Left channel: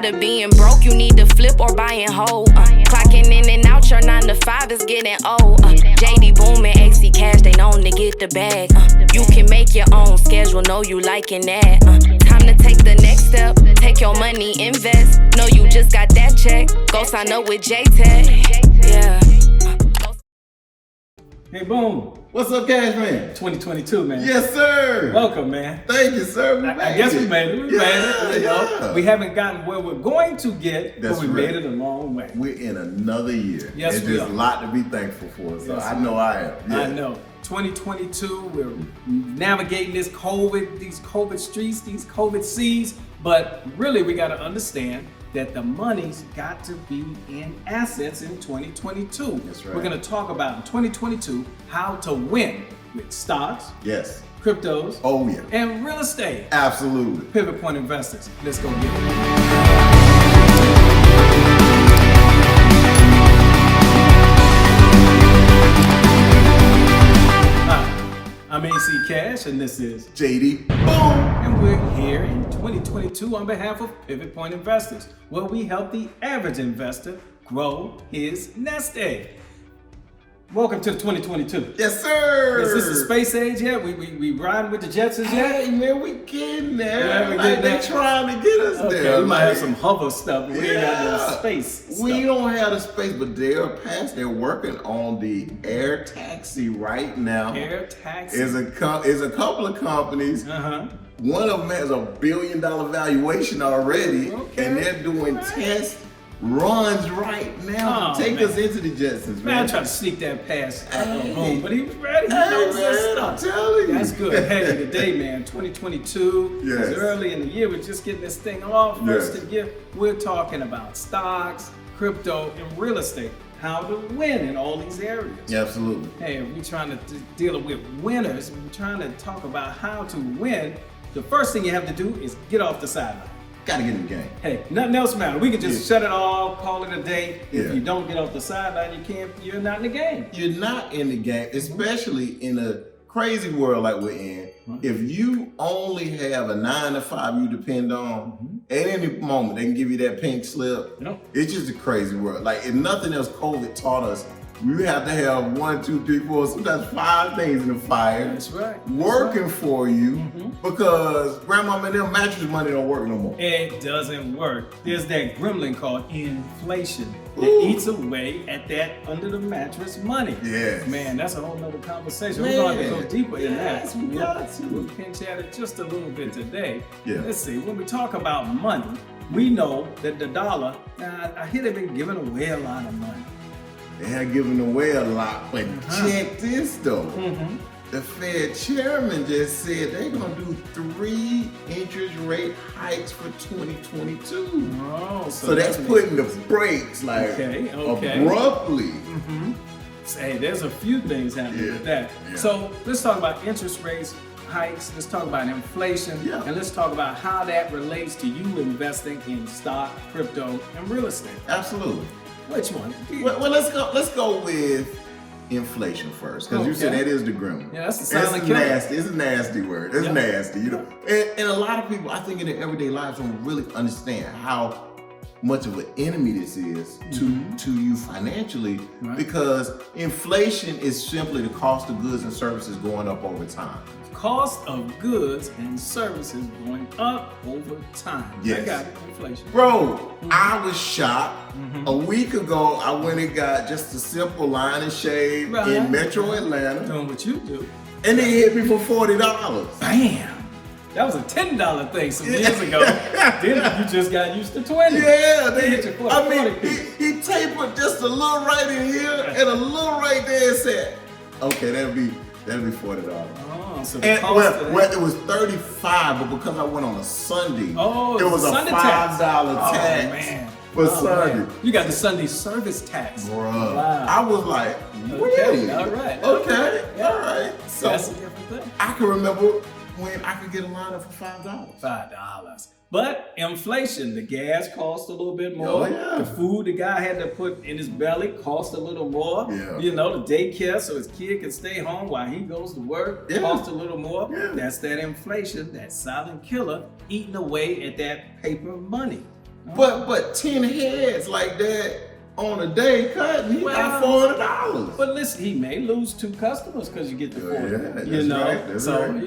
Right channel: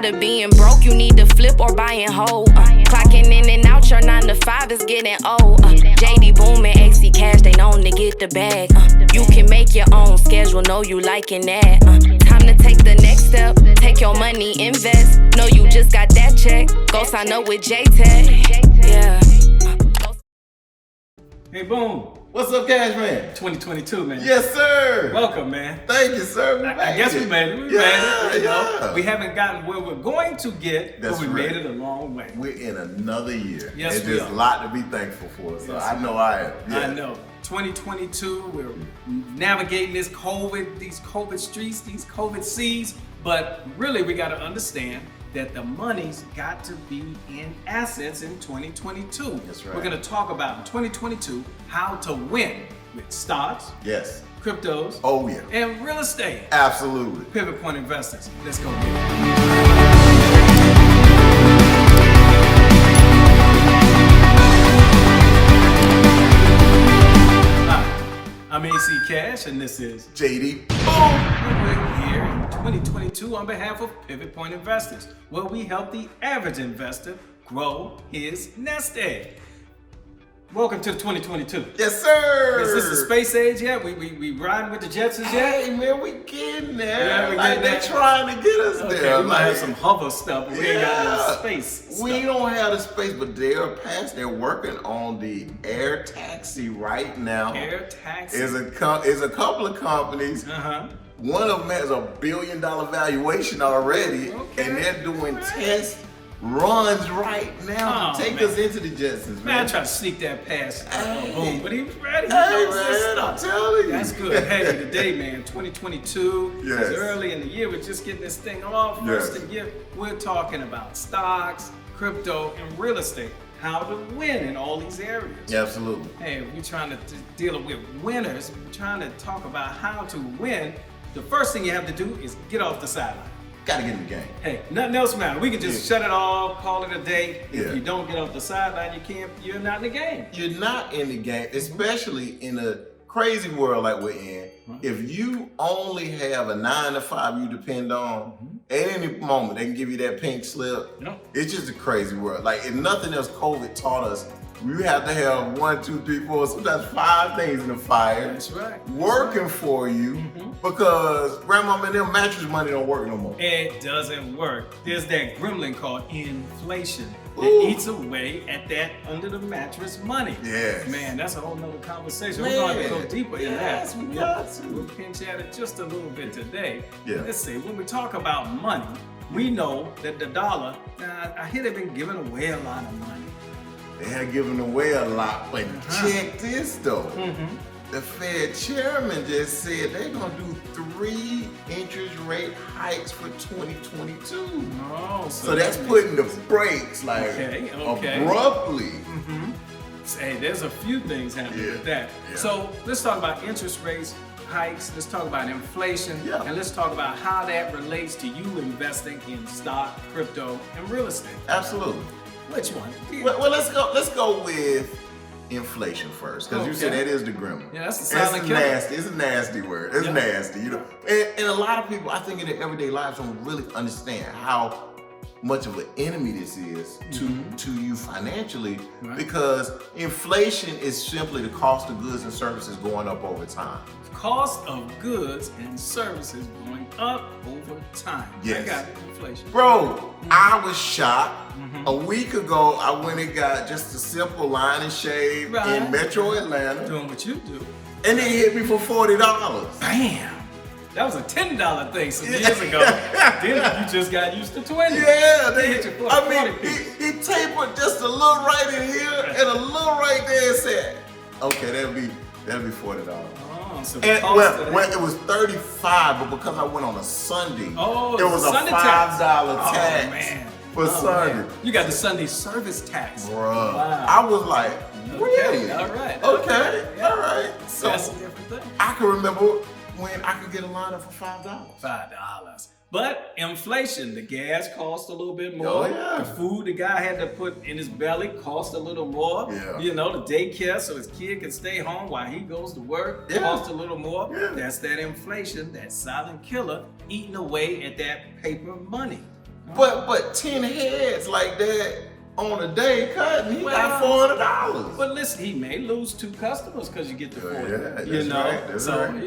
Tired of being broke, you need to flip or buy and hold. Clocking in and out, your 9 to 5 is getting old. JD Boom and AC Cash, they known to get the bag. You can make your own schedule, know you liking that. Time to take the next step, take your money, invest. Know you just got that check, go sign up with J-Tech. Yeah. Hey, Boom. What's up, Cash Man? 2022, man. Yes, sir. Welcome, man. Thank you, sir. I guess we made it. We made it. You know? Yeah. We haven't gotten where we're going to get, That's but we right. made it a long way. We're in another year. Yes, and we there's are. a lot to be thankful for. So Yes, I we know I am. Yeah. I know. 2022, we're navigating these COVID streets, these COVID seas, but really we got to understand that the money's got to be in assets in 2022. That's right. We're going to talk about in 2022 how to win with stocks, Yes. cryptos, Oh, yeah. and real estate. Absolutely. Pivot Point Investors. Let's go get it. Hi, I'm AC Cash, and this is JD. Boom. and we're here in 2022 on behalf of Pivot Point Investors, where we help the average investor grow his nest egg. Welcome to the 2022. Yes, sir. Is this the space age yet? We riding with the Jetsons yet? Hey, man, we getting there. Yeah, we like, getting they there. trying to get us Okay, there. we might have like- some hover stuff, but we ain't got no Yeah. space We stuff. don't have the space, but they're past. They're working on the air taxi right now. Air taxi. Is a couple of companies. Uh-huh. One of them has $1 billion valuation already, Okay. and they're doing All right. test runs right now to Oh, take man. us into the Jetsons, Man, I man. tried to sneak that past Hey. Boom, but he was ready. He Hey, knows man, his I'm stuff. telling you. That's good. Hey, today, man, 2022 is Yes. early in the year. We're just getting this thing off. First Yes. of the year, we're talking about stocks, crypto, and real estate. How to win in all these areas. Absolutely. Hey, we're trying to deal with winners. We're trying to talk about how to win. The first thing you have to do is get off the sideline. Gotta get in the game. Hey, nothing else matters. We can just Yeah. shut it all, call it a day. If Yeah. you don't get off the sideline, you're not in the game. You're not in the game, especially in a crazy world like we're in. Right. If you only have a 9 to 5 you depend on, at any moment they can give you that pink slip. Yep. It's just a crazy world. Like, if nothing else, COVID taught us you have to have 1, 2, 3, 4, sometimes 5 things in the fire That's right. That's working right. for you Mhm. because grandmama and them mattress money don't work no more. It doesn't work. There's that gremlin called inflation that Ooh. eats away at that under the mattress money. Yes. Man, that's a whole nother conversation. We're going to Man. go deeper in Yes, that. we got to. We'll pinch at it just a little bit today. Yeah. Let's see. When we talk about money, we know that the dollar, I hear they've been giving away a lot of money. They had given away a lot, but Uh-huh. check this though. Mm-hmm. The Fed chairman just said they're gonna do 3 interest rate hikes for 2022. Oh, So that's that putting the means- brakes like Okay, okay. abruptly. Mm-hmm. Hey, there's a few things happening Yeah, with that. yeah. So let's talk about interest rates, hikes. Let's talk about inflation, Yeah. and let's talk about how that relates to you investing in stock, crypto, and real estate. Absolutely. Which one? Well, let's go with inflation first, because you said Okay. that is the gremlin. Yeah, that's the silent killer. Nasty. It's a nasty word. It's Yeah. nasty, you know. And a lot of people, I think, in their everyday lives don't really understand how much of an enemy this is to you financially, Right. because inflation is simply the cost of goods and services going up over time. Cost of goods and services going up over time. I Yes. got it. Inflation. Bro, I was shocked. Mhm. A week ago, I went and got just a simple line and shave Right. in Metro Atlanta, Doing what you do. and they hit me for $40. Bam! That was a $10 thing some years ago. Then you just got used to 20. Yeah, They hit you for I 40 mean, piece. he tapered just a little right in here and a little right there and said, "Okay, that'll be $40." Oh, so the And cost of that. well, it was 35, but because I went on a Sunday, Oh, it was a Sunday $5 tax. tax Oh, man. for Oh, Sunday. man. You got the Sunday service tax. Bruh, Wow. I was like, Okay, really? all right. Okay, Yeah. all right. So That's a different thing. I can remember when I could get a lineup for $5. $5. But inflation, the gas cost a little bit more. Oh, yeah. The food the guy had to put in his belly cost a little more. Yeah. You know, the daycare so his kid can stay home while he goes to work Yeah. cost a little more. Yeah. That's that inflation, that silent killer eating away at that paper money. But 10 heads like that on a day cut, he got $400. But listen, he may lose 2 customers because you get the 40. That's right.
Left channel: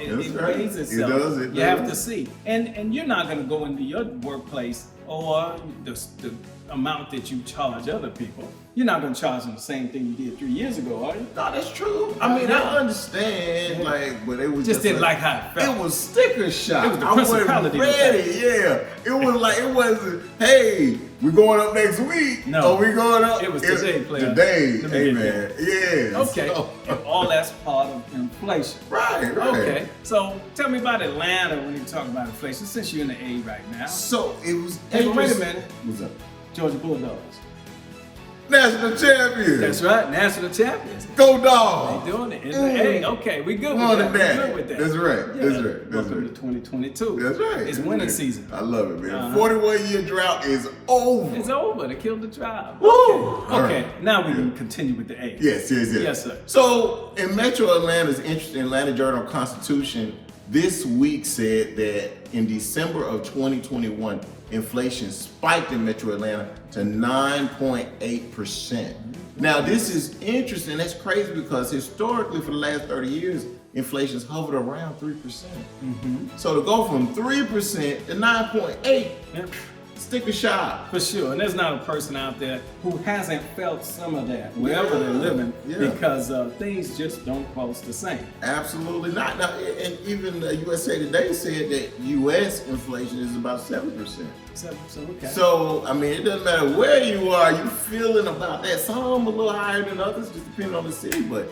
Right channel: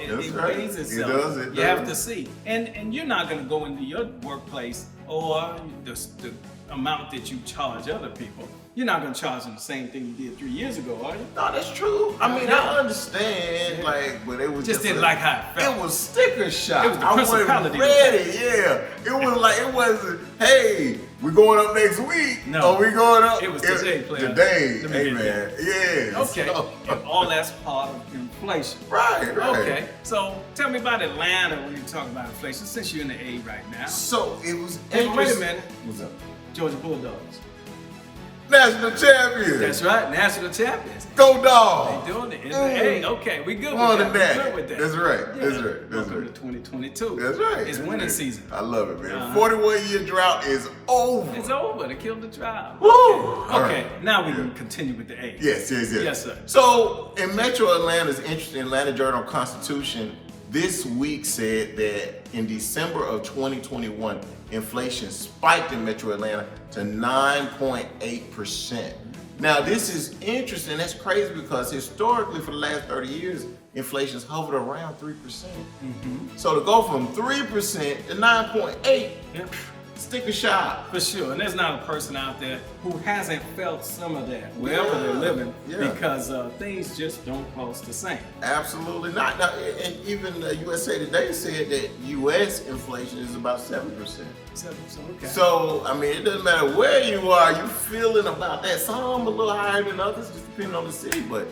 It weighs itself. You have to see. And you're not going to go into your workplace or the amount that you charge other people. You're not going to charge them the same thing you did 3 years ago, are you? No, that's true. I mean, I understand, but it was just didn't like how it felt. It was sticker shock. It was the principality. I wasn't ready. Yeah, it was like, it wasn't, hey, we're going up next week. No, we going up. It was today, player. Today, amen. Yeah. Okay, and all that's part of inflation. Right. Okay, so tell me about Atlanta when you talk about inflation, since you're in the A right now. So it was. Hey, but wait a minute. What's up? Georgia Bulldogs. National champions. That's right, national champions. Go Dogs. They doing it in the A. Okay, we good with that. We good with that. That's right. Yeah. That's right. Welcome to 2022. That's right. It's winning season. I love it, man. 41-year drought is over. It's over. They killed the drought. Woo! Okay. Now we can continue with the A. Yes. Yes, sir. So in Metro Atlanta's interesting Atlanta Journal-Constitution this week said that in December of 2021, inflation spiked in Metro Atlanta to 9.8%. Now, this is interesting. That's crazy because historically, for the last 30 years, inflation's hovered around 3%. So to go from 3% to 9.8, sticker shock. For sure. And there's not a person out there who hasn't felt some of that wherever they're living because things just don't cost the same. Absolutely not. Now, and even USA Today said that U.S. inflation is about 7%. Okay. So, I mean, it doesn't matter where you are, you're feeling about that. Some a little higher than others, just depending on the city, but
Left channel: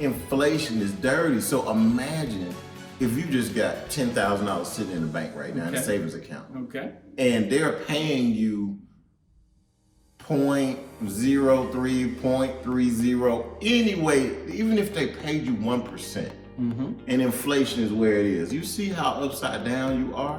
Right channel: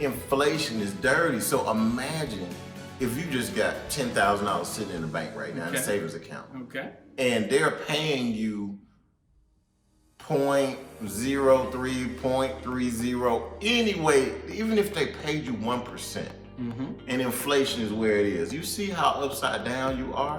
inflation is dirty. So imagine if you just got $10,000 sitting in the bank right now in a savings account. Okay. And they're paying you 0.03, 0.30 anyway, even if they paid you 1%, and inflation is where it is. You see how upside down you are?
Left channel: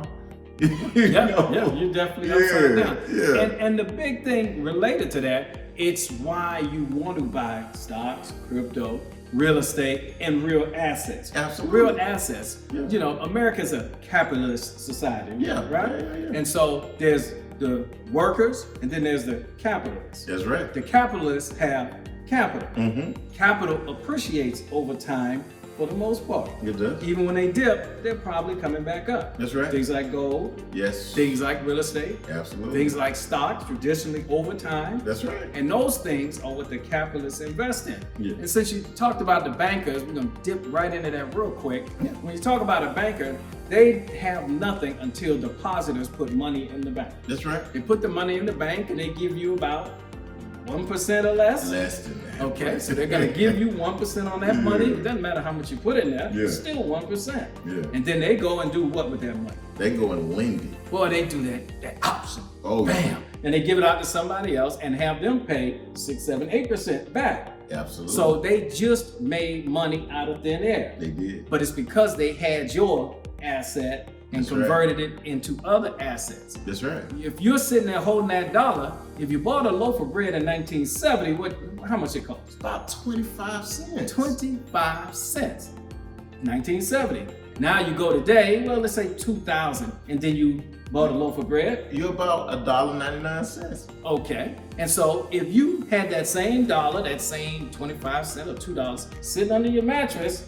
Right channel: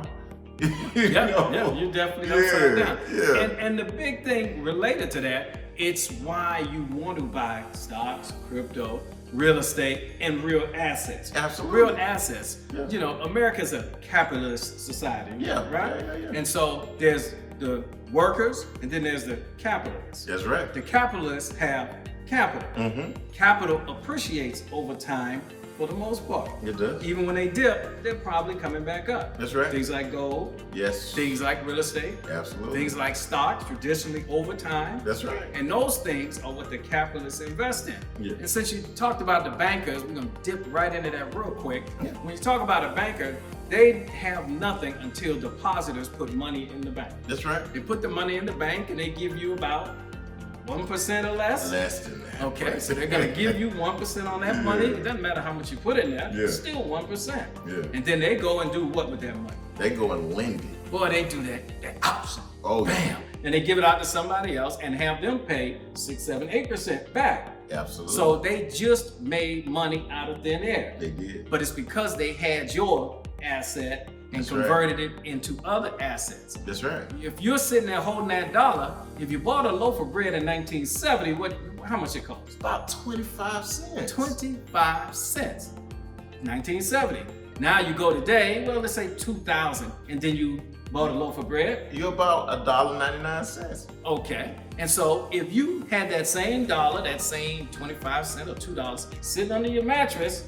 Yeah, you're definitely upside down. Yeah. And the big thing related to that, it's why you want to buy stocks, crypto, real estate, and real assets. Absolutely. Real assets. Yeah. You know, America's a capitalist society, right? Yeah. And so there's the workers, and then there's the capitalists. That's right. The capitalists have capital. Capital appreciates over time for the most part. It does. Even when they dip, they're probably coming back up. That's right. Things like gold. Yes. Things like real estate. Absolutely. Things like stocks, traditionally over time. That's right. And those things are what the capitalists invest in. Yeah. And since you talked about the bankers, we're going to dip right into that real quick. Yeah. When you talk about a banker, they have nothing until depositors put money in the bank. That's right. They put the money in the bank and they give you about 1% or less. Less than that. Okay, so they're gonna give you 1% on that money. It doesn't matter how much you put in there, it's still 1%. Yeah. And then they go and do what with that money? They go and lend it. Boy, they do that option. Oh, bam. And they give it out to somebody else and have them pay 6, 7, 8% back. Absolutely. So they just made money out of thin air. They did. But it's because they had your asset and converted it into other assets. That's right. If you're sitting there holding that dollar, if you bought a loaf of bread in 1970, how much it cost? About 25 cents. 25 cents. 1970. Now you go today, well, let's say 2000, and then you bought a loaf of bread. You're about $1.99. Okay. And so if you had that same dollar, that same 25 cents or $2 sitting under your mattress,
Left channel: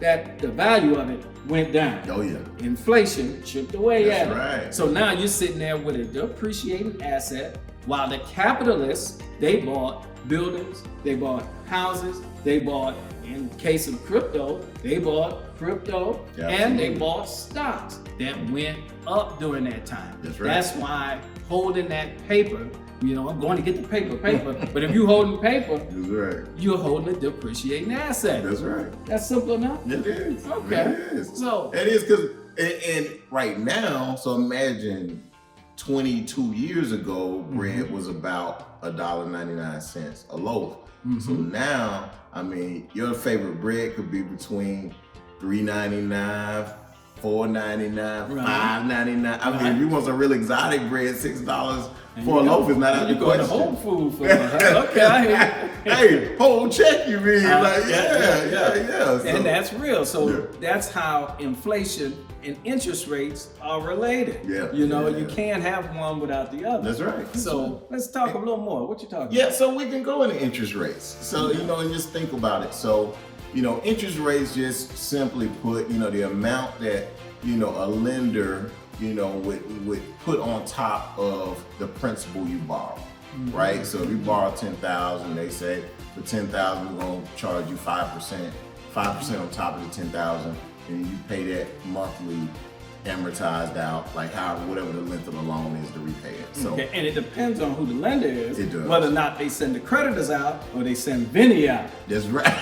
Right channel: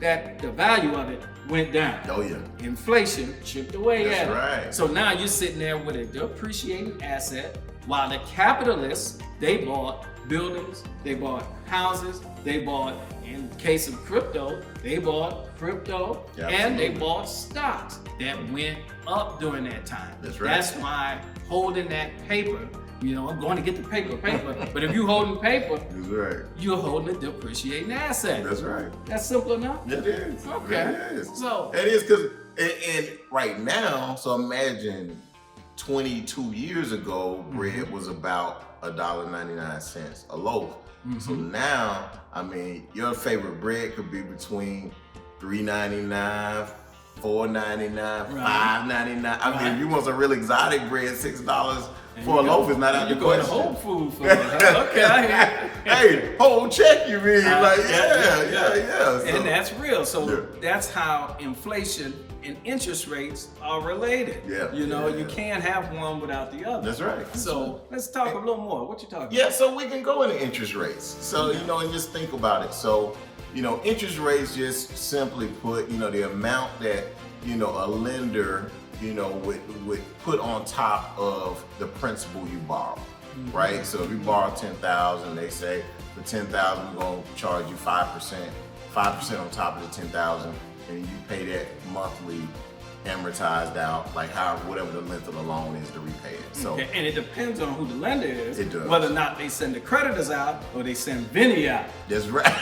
that the value of it went down. Oh yeah. Inflation chipped away at it. That's right. So now you're sitting there with a depreciating asset, while the capitalists, they bought buildings, they bought houses, they bought, in case of crypto, they bought crypto, and they bought stocks that went up during that time. That's right. That's why holding that paper, you know, I'm going to get the paper, but if you're holding paper, that's right. You're holding a depreciating asset. That's right. That's simple enough? It is. Okay. It is. So it is because, and right now, so imagine 22 years ago, bread was about $1.99 a loaf. So now, I mean, your favorite bread could be between $3.99, $4.99, $5.99. I mean, if you want some real exotic bread, $6 for a loaf is not out the question. You're going to Whole Foods for it. Okay, I hear you. Hey, whole check you mean? Like, yeah. And that's real. So that's how inflation and interest rates are related. Yeah. You know, you can't have one without the other. That's right. So let's talk a little more. What you talking about? Yeah, so we can go into interest rates. So, you know, just think about it. So, you know, interest rates just simply put, you know, the amount that, you know, a lender, you know, would put on top of the principal you borrow. Right? So if you borrow $10,000, they say for $10,000 we're gonna charge you 5% on top of the $10,000, and you pay that monthly amortized out, like whatever the length of the loan is to repay it. So and it depends on who the lender is, It does. whether or not they send the creditors out or they send Vinny out. that's right.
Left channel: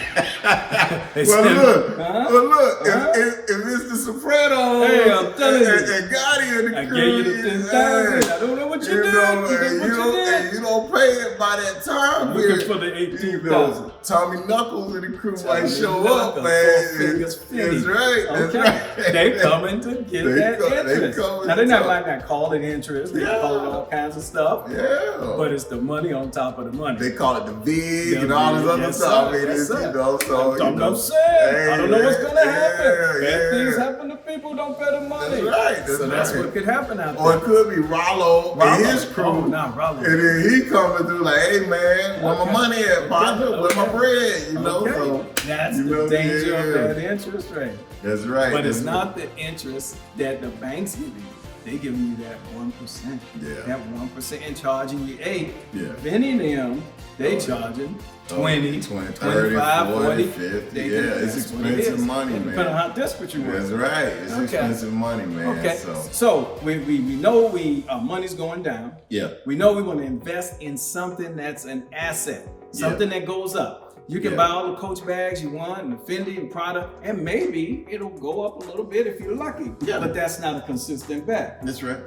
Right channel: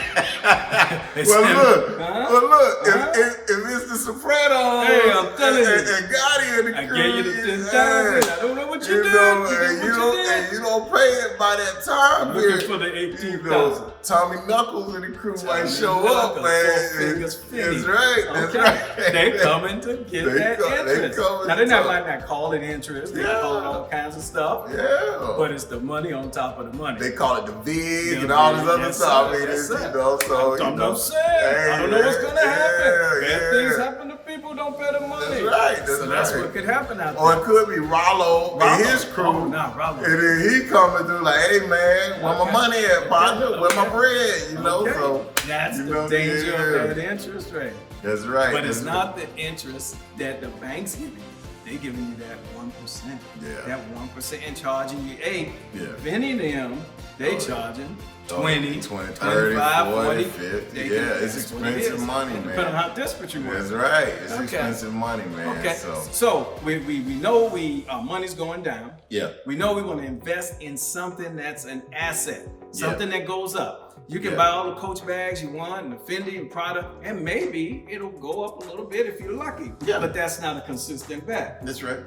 They well, send- look, Huh? well, look. Huh? If it's the Sopranos, Hey, I'm telling you. and Gotti and the I crew, gave you the 10,000. I don't know what you did. know, You did and what you don't- did. and you don't pay it by that time. I'm looking period. for the You 18,000. know, Tommy Knuckles and the crew Tommy might show Knuckles, up, man. Four Fingers Finny. That's right. That's Okay, right. they coming to get They that come- they interest. coming Now they to- might not call it interest. They call it all kinds of stuff. Yeah. But it's the money on top of the money. They call it the VIG The and all this VIG, other yes, stuff. sir, It yes, is, sir. you know, so I'm you know, saying. I don't know what's gonna happen. yeah, Bad things yeah. happen to people who don't pay the money. That's right. So that's what could happen out Or there. it could be Rollo and his crew. Oh, nah, Rollo. And then he coming through like, hey man, where my Okay. money at, partner? Okay. Where my bread? You know, Okay. so That's you the know, danger of yeah. that interest rate. That's right. But it's That's not the interest that the bank's giving you. They giving you that 1%. Yeah. That 1% and charging you 8. Yeah. Vinny them, they Oh, charging 20, 20, 25, 40. 50. They Yeah, give- it's that's what it expensive is. money, And man. depending on how desperate you That's are. right. It's Okay. expensive money, man. Okay. So So we know our money's going down. yeah. We know we want to invest in something that's an asset, something that goes up. You can buy all the Coach bags you want and the Fendi and Prada, and maybe it'll go up a little bit if you're lucky. Yeah. But that's not a consistent bet. That's right.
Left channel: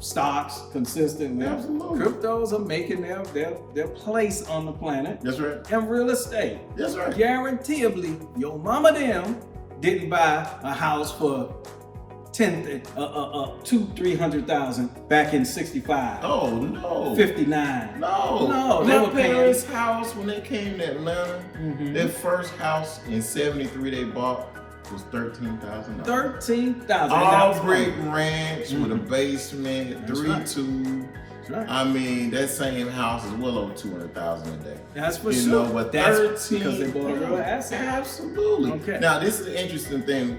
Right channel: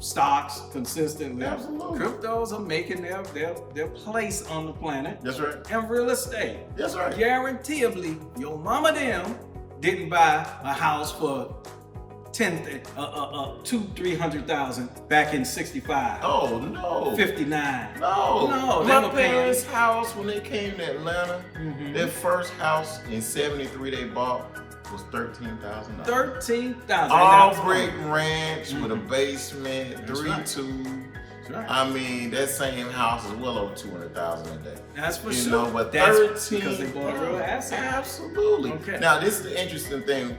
Stocks consistently. Absolutely. Cryptos are making their place on the planet. That's right. And real estate. That's right. Guaranteeably, your mama them didn't buy a house for 200,000-300,000 back in 65. Oh no. 59. No, they my were paying. parents' house when they came to Atlanta, their first house in '73 they bought was $13,000. 13,000. All brick ranch with a basement, That's 3 right. tubes. That's right. I mean, that same house is well over $200,000 a day. That's for You sure. know, but That's 13, because they bought a real asset. Absolutely. Okay. Now, this is an interesting thing,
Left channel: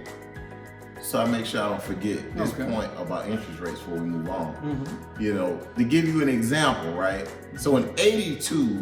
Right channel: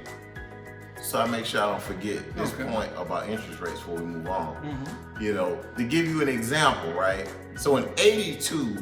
so I make sure I don't forget this Okay. point about interest rates before we move on. Mm-hmm. You know, to give you an example, right? So in '82,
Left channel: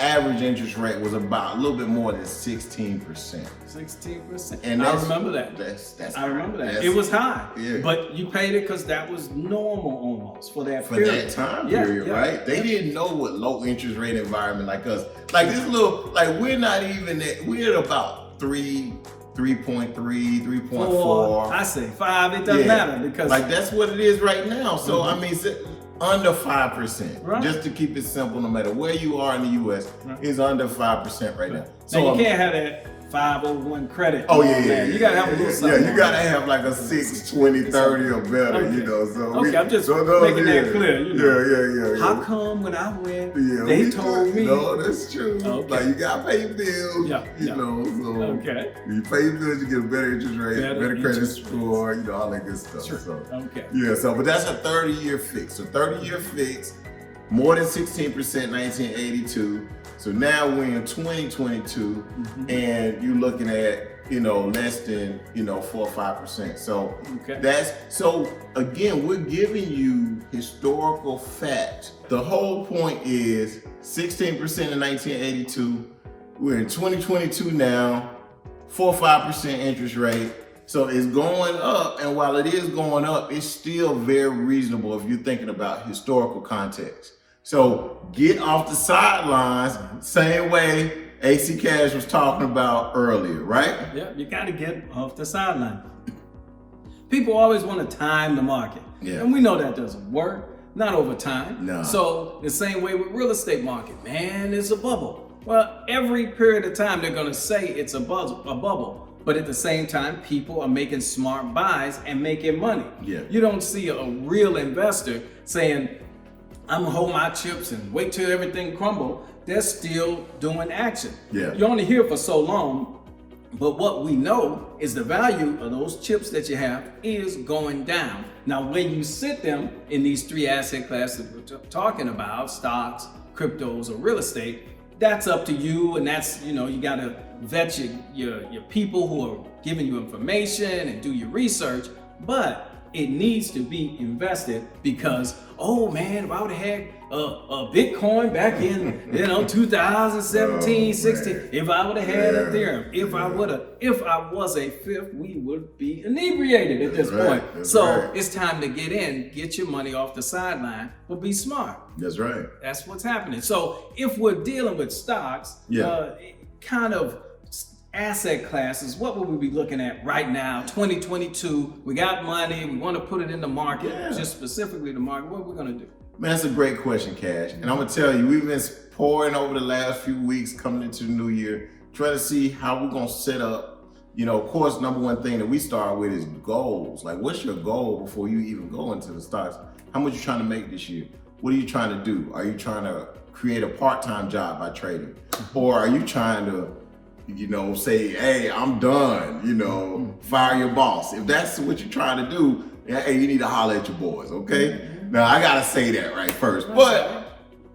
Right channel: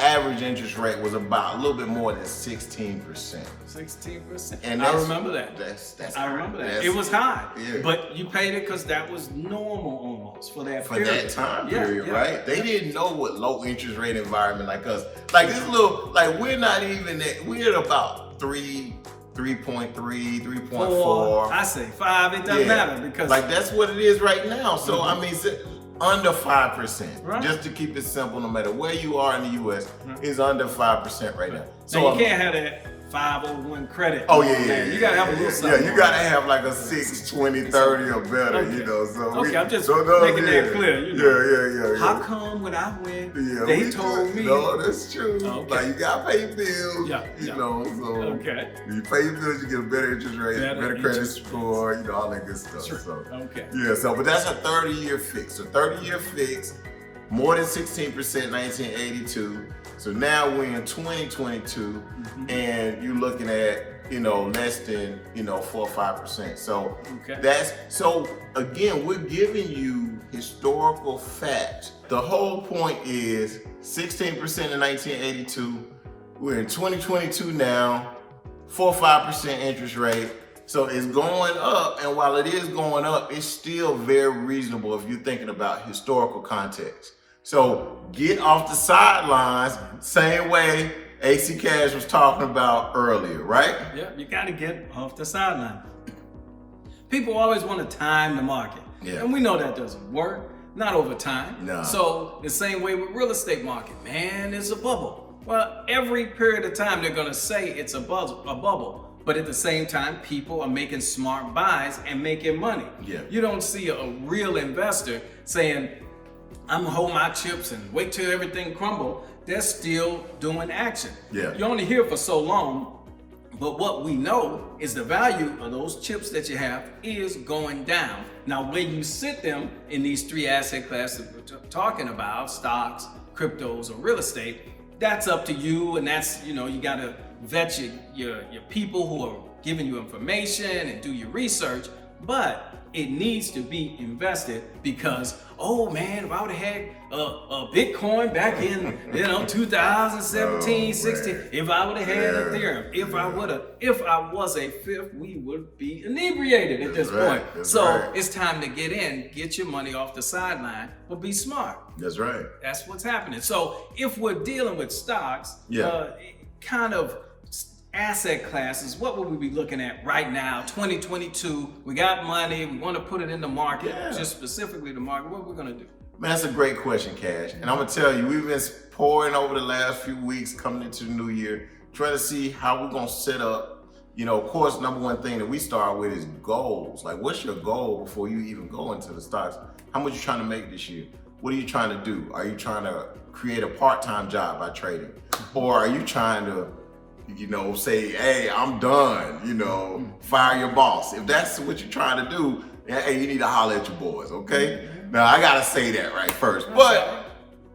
average interest rate was about a little bit more than 16%. 16%. And I that's- remember that. That's I remember that. that's- It was high, Yeah. but you paid it because that was normal almost for that for period. that time Yeah, period, yeah, right? They yeah. didn't know what low interest rate environment like us. Like this little, like we're not even at, we're at about 3.3, 3.4. I say 5. It doesn't Yeah. matter because Like that's what it is right now. So I mean, it's under 5%. Right. Just to keep it simple, no matter where you are in the U.S., Right. is under 5% right now. now you can't have that 501 credit. Oh on yeah, that. yeah. You gotta have a little something. Yeah, you gotta have like a 6, 20, 30 or better. Okay. You know. So Okay, I'm just so no, making that yeah. clear, you know. Yeah. How come when I went, Yeah, they we told good. me? No, that's true. Okay. Like you gotta pay your bills. Yeah, You yeah. know, so Okay. you pay your bills, you get a better interest rate, Better better credit interest score, you know, all that good stuff. Sure. So Okay. yeah, so but that's a 30-year fix. A 30-year fix, more than 16% 1982. So now we're in 2022 and you're looking at, you know, less than, you know, 4 or 5%. So Okay. that's so again, we're giving you historical facts. The whole point is 16% in 1982. We're in 2022 now, 4 or 5% interest rate. So it's going up, and while it is going up, it's still very reasonable if you're thinking about historical context. So get off the sidelines, same way AC Cash was talking about earlier, right? Yeah, you got to get off the sideline. People always want to time the market. Yeah. And we know that doesn't work, not over time. No. So the same way with real estate market, man, it's a bubble. Well, every period of time they're going to say it's a bubble. But at the same time, people are making smart buys and making money. Yeah. You don't see a real investor saying, I'm gonna hold my chips and wait till everything crumble. They're still doing action. Yeah. You're only here for so long But what we know is the value of those chips that you have is going down. Now, when you sit them in these three asset classes we're talking about, stocks, cryptos, or real estate, that's up to you. And that's, you got to vet your people who are giving you information and do your research. But it needs to be invested because, oh man, if I would have had a Bitcoin back in 2017, 16, if I would have had Ethereum, if I was a fifth, we would be inebriated at this point. So it's time to get your money off the sideline, but be smart. That's right. That's what's happening. So if we're dealing with stocks, kind of asset classes, what would we be looking at right now, 2022? We got money, we want to put it in the market, just specifically the market. What are we going to do? Man, that's a great question, Cash. And I'm going to tell you, we've been pouring over the last few weeks coming into the new year, trying to see how we're going to set up. Of course, number one thing that we start with is goals. Like, what's your goal before you even go into the stocks? How much you trying to make this year? What are you trying to do? Are you trying to create a part-time job by trading? Or are you trying to say, hey, I'm done, fire your boss? If that's what you're trying to do, hey, you need to holler at your boys, okay? Now, I gotta say that right first. But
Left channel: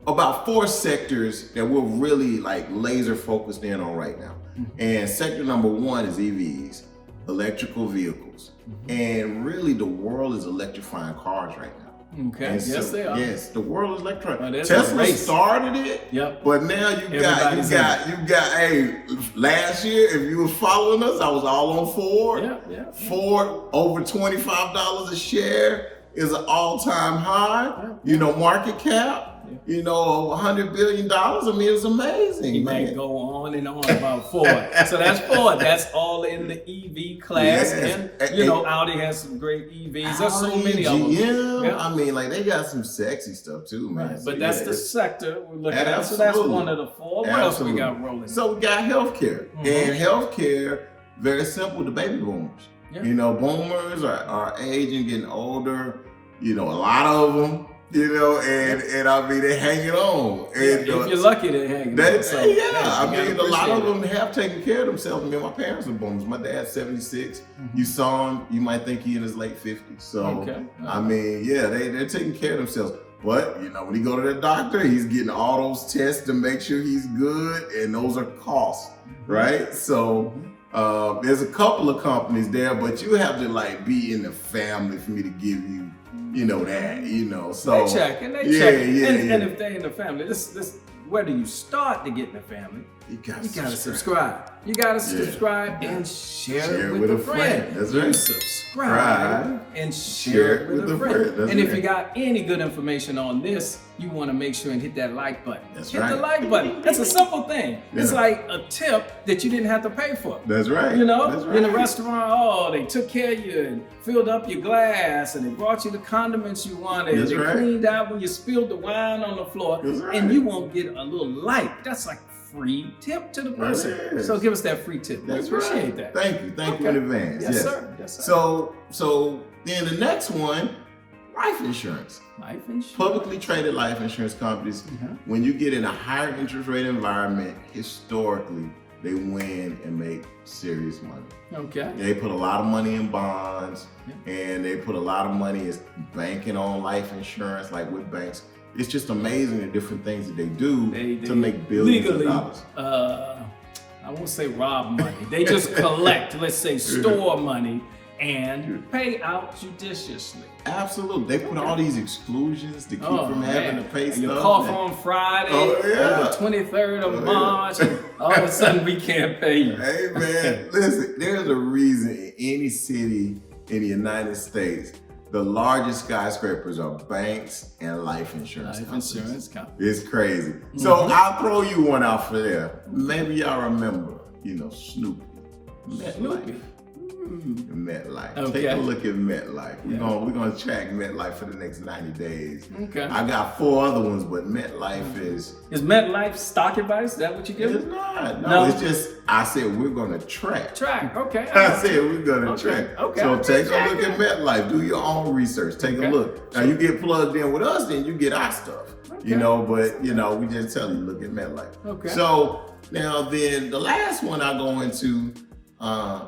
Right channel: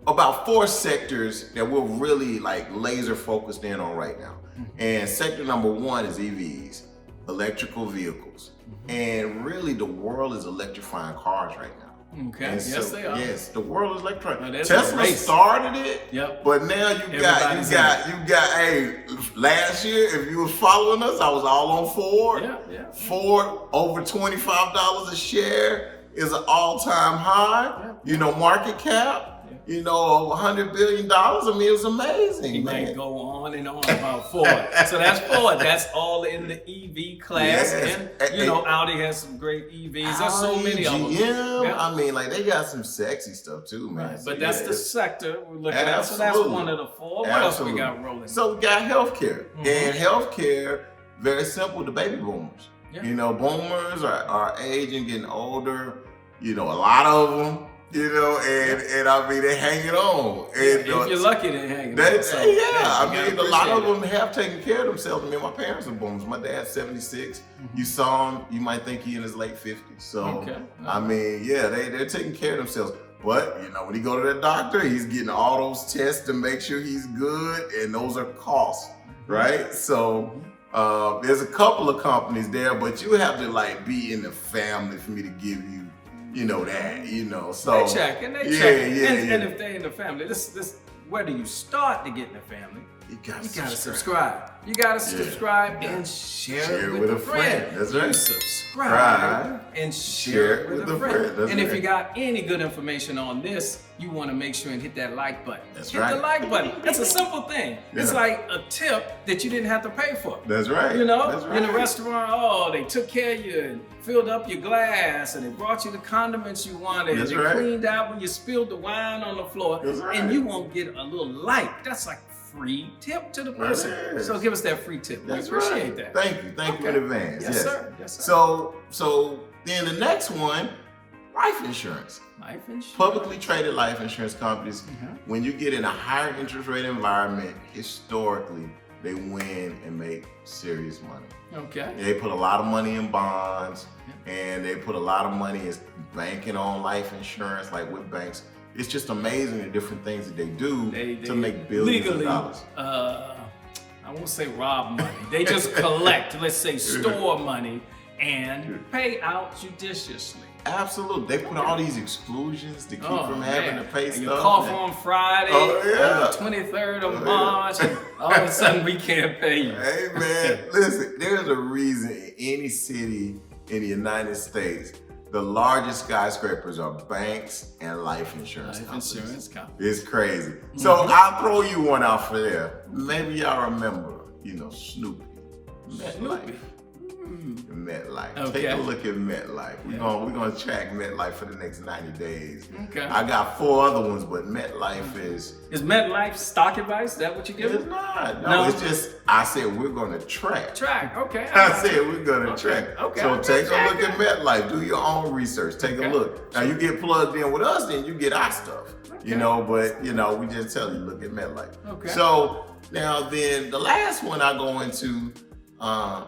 about 4 sectors that we're really laser focused in on right now. And sector number 1 is EVs, electrical vehicles. And really the world is electrifying cars right now. Okay. Yes, they are. Yes, the world is electronic. Tesla started it. Yep. But now you got. Hey, last year, if you were following us, I was all on Ford. Yeah. Ford over $25 a share is an all-time high. Market cap. $100 billion. I mean, it's amazing. You might go on and on about Ford. So that's Ford. That's all in the EV class. And Audi has some great EVs. There's so many of them. Yeah. I mean, they got some sexy stuff too, man. Right. But that's the sector we're looking at. So that's one of the 4. What else we got rolling? So we got healthcare. And healthcare, very simple, the baby boomers. Boomers are aging, getting older. A lot of them. And I mean, they're hanging on. And, if you're lucky, they're hanging on. So, I mean, a lot of them have taken care of themselves. I mean, my parents are boomers. My dad's 76. You saw him, you might think he's in his late 50s. So, I mean, they're taking care of themselves. But, when you go to the doctor, he's getting all those tests to make sure he's good. And those are costs, right? So, there's a couple of companies there, but you have to, be in the family for me to give you so they check. And if they're in the family, this where do you start to get in the family? You gotta subscribe. You gotta subscribe and share it with a friend. That's right. You subscribe and share it with a friend. And if you got any good information on this, you want to make sure and hit that like button. Hit the like button. That's a simple thing. It's like a tip that you didn't have to pay for. That's right. In a restaurant, they took care of you and filled up your glass and they brought you the condiments you wanted. They cleaned out when you spilled the wine on the floor. And you won't get a little like. That's like free tip to the person. So give us that free tip. We appreciate that. Thank you in advance. Yes, sir. So then the next one, life insurance. Life insurance. Publicly traded life insurance companies, when you get in a higher interest rate environment, historically, they win and make serious money. Okay. They put a lot of money in bonds, and they put a lot of money in banking on life insurance, like with banks. It's just amazing the different things that they do to make billions of dollars. I won't say rob money. They just collect, let's say, store money and pay out judiciously. Absolutely. They put all these exclusions to keep from having to pay stuff. You cough on Friday, on the 23rd of March, and all of a sudden we can't pay you. Hey man, listen, there's a reason in any city in the United States, the largest skyscrapers are banks and life insurance companies. It's crazy. So I'll throw you one out for there. Maybe y'all remember, Snoopy. Snoopy. Metlife. Okay. Take a look at Metlife. We're gonna track Metlife for the next 90 days. Okay. I got 4 other ones, but Metlife is. Is Metlife stock advice? Is that what you give? It's not. No, it's just I said we're gonna track. Okay. I said we're gonna track. Okay. So take a look at Metlife. Do your own research. Take a look. Now you get plugged in with us, then you get our stuff. Okay. But we just tell you look at Metlife. Okay. So now then the last one I go into.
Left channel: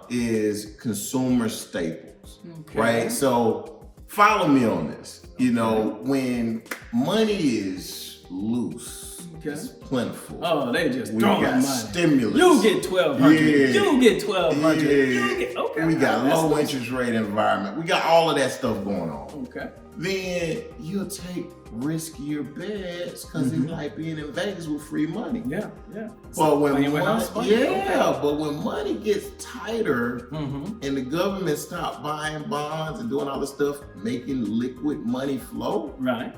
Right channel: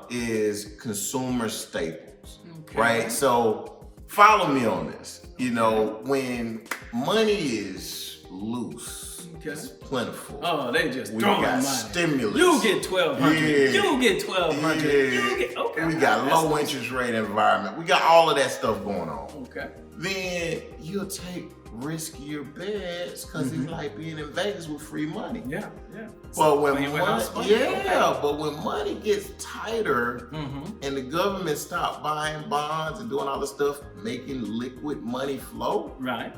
is consumer staples, Okay. right? So follow me on this. You know, when money is loose, Okay. it's plentiful. Oh, they just We throwing got money. stimulus. You get 1,200. Yeah. You get 1,200. Yeah. You get okay. We got That's low interest rate environment. We got all of that stuff going on. Okay. Then you'll take riskier bets because it's like being in Vegas with free money. Yeah, yeah. But when Playing with house money? but when money gets tighter and the government stop buying bonds and doing all this stuff, making liquid money flow, Right.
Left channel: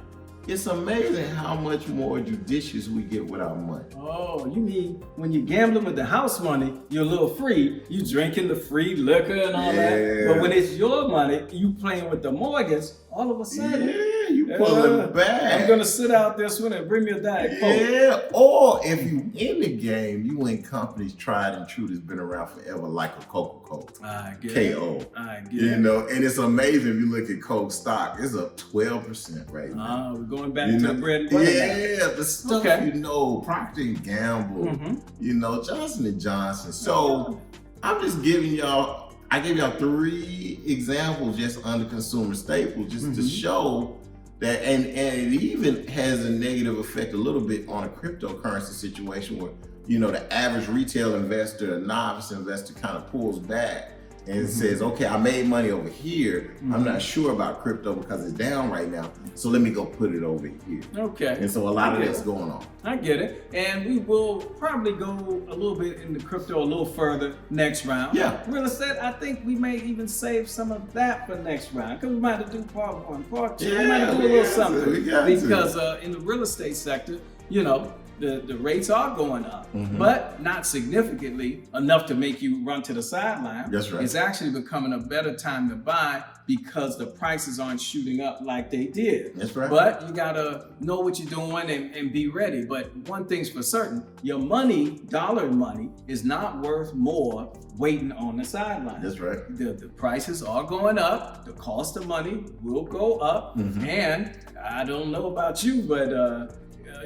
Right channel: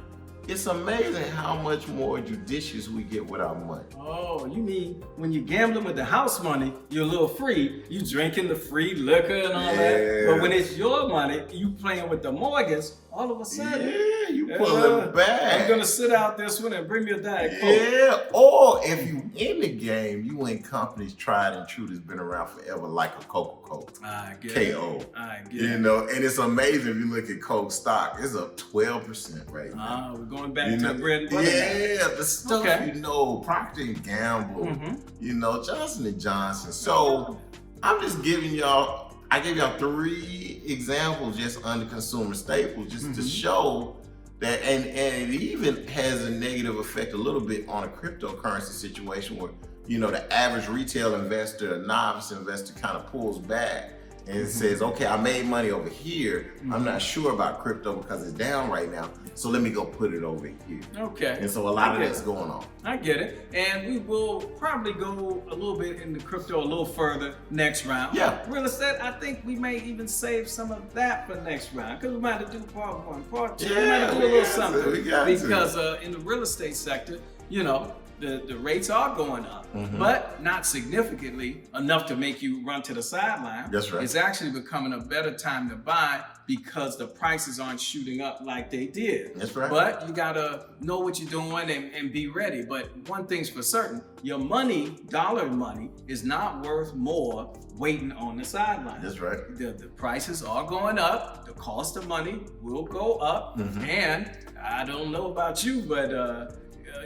it's amazing how much more judicious we get with our money. Oh, you mean when you're gambling with the house money, you're a little free. You drinking the free liquor and all that. But when it's your money, you playing with the mortgage, all of a sudden, You pulling back. I'm gonna sit out this one and bring me a Diet Coke. Yeah, or if you in the game, you in companies tried and true that's been around forever, like a Coca-Cola. I get KO. it. I get You it. know, and it's amazing if you look at Coke stock, it's up 12% right now. We're going back to the bread and butter now. Yeah, the stuff Okay. you know, Procter & Gamble, you know, Johnson & Johnson. So I'm just giving y'all, I gave y'all 3 examples just under consumer staples, just to show that, and it even has a negative effect a little bit on a cryptocurrency situation where, you know, the average retail investor, novice investor kind of pulls back and says, okay, I made money over here. I'm not sure about crypto because it's down right now. So let me go put it over here. Okay. And so a lot of that's going on. I get it. And we will probably go a little bit into crypto a little further next round. Yeah. Real estate, I think we may even save some of that for next round because we might have to do part 1, part 2. we might have to do a little something because in the real estate sector, you know, the rates are going up, but not significantly enough to make you run to the sideline. That's right. It's actually becoming a better time to buy because the prices aren't shooting up like they did. That's right. But you gotta know what you're doing and be ready. But one thing's for certain, your money, dollar money, is not worth more waiting on the sideline. That's right. The prices are going up. The cost of money will go up. And I don't know about you, but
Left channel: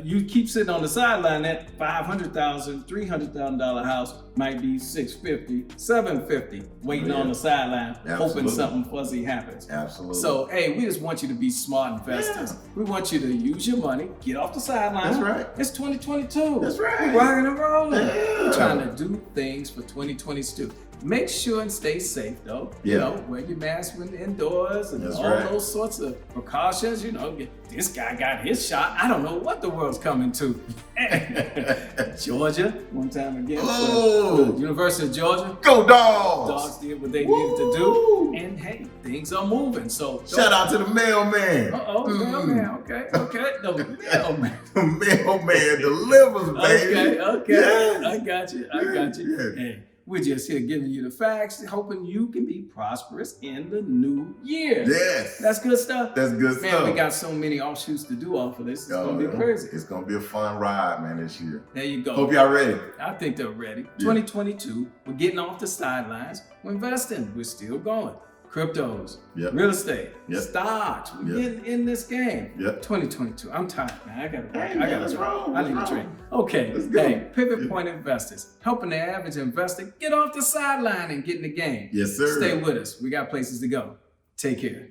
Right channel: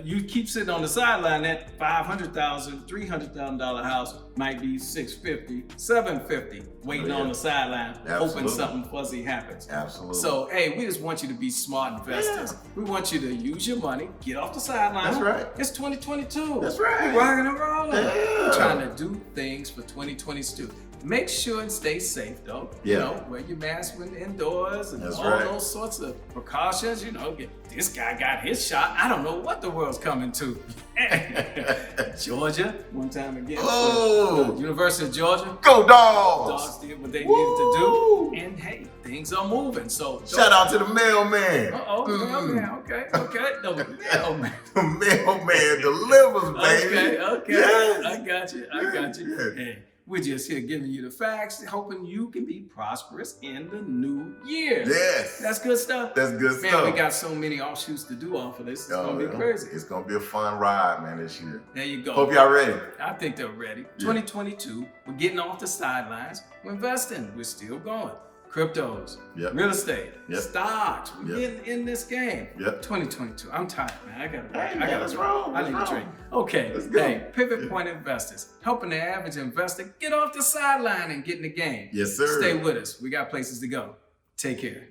you keep sitting on the sideline, that $500,000, $300,000 house might be $650,000, $750,000 waiting on the sideline, hoping something fuzzy happens. Absolutely. So, hey, we just want you to be smart investors. We want you to use your money, get off the sideline. That's right. It's 2022. That's right. We're rocking and rolling. Yeah. We're trying to do things for 2022. Make sure and stay safe, though. Yeah. You know, wear your mask when indoors and all those sorts of precautions. You know, this guy got his shot. I don't know what the world's coming to. Georgia, one time again. The University of Georgia. Go Dogs! Dogs did what they needed to do. And hey, things are moving. So shout out to the mailman. Mailman. Okay. The mailman. The mailman delivers, baby. Okay. Yes. I got you. Yes. Hey, we're just here giving you the facts, hoping you can be prosperous in the new year. Yes. That's good stuff. That's good stuff. Man, we got so many offshoots to do off of this. It's going to be crazy. It's going to be a fun ride, man, this year. There you go. Hope y'all ready. I think they're ready. 2022, we're getting off the sidelines. We're investing. We're still going. Cryptos, real estate, stocks. We're getting in this game. 2022. I'm tired, man. I gotta need a drink. Okay. Hey, Pivot Point Investors, helping the average investor get off the sideline and get in the game. Yes, sir. Stay with us. We got places to go. Take care.